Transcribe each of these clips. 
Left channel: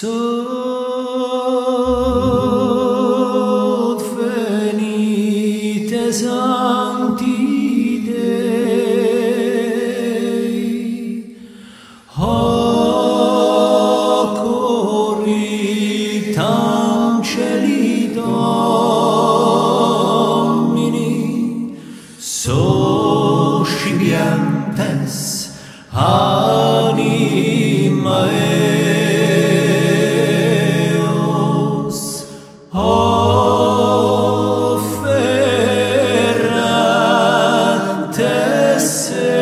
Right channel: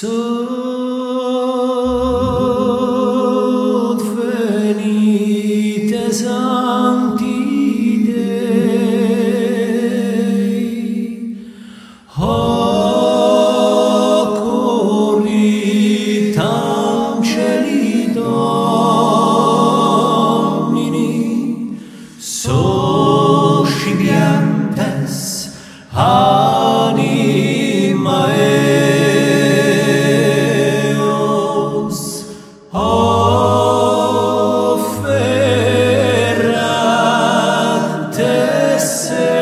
Sot venite sancti Dei, hoc oritam celi Domini, socibientes anima eos, offerat seam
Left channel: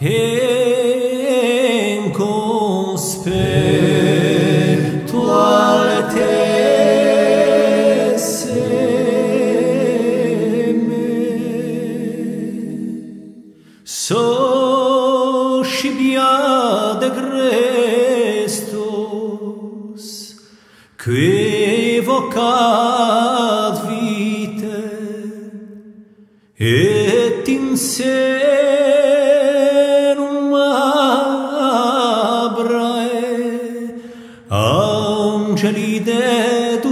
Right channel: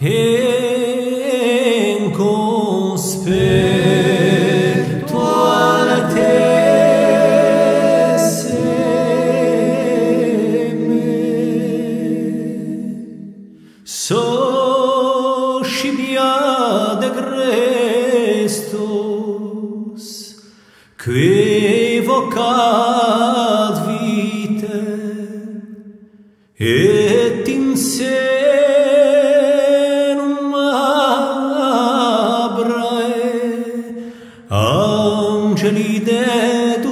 in conspectuale socibia de Christus, qui vocat vitae, et in senum Abrae angeli dedugante,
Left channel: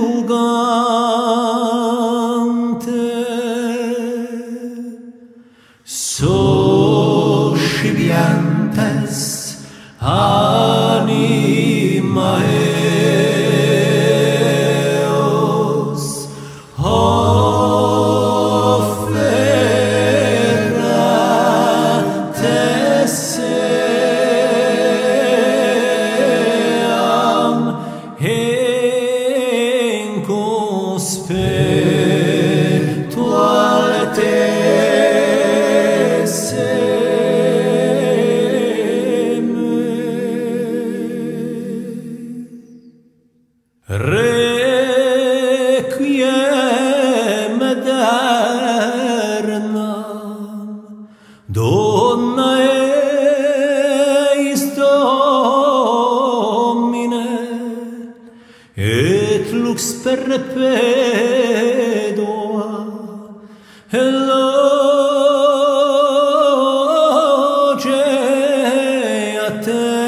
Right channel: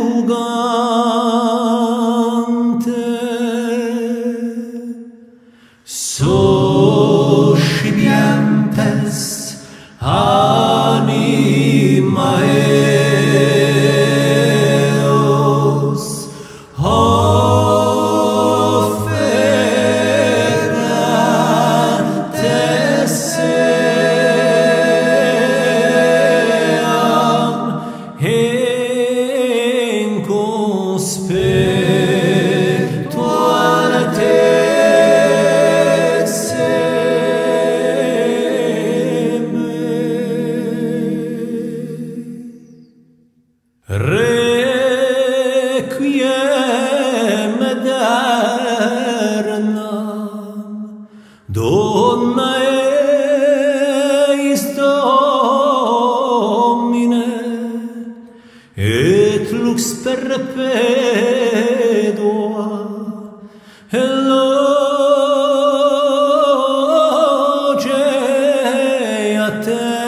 socibientes anima eos, offerat seam in conspectuale Requiem aeternam dona eis Domine, et lux perpetua eloge a te.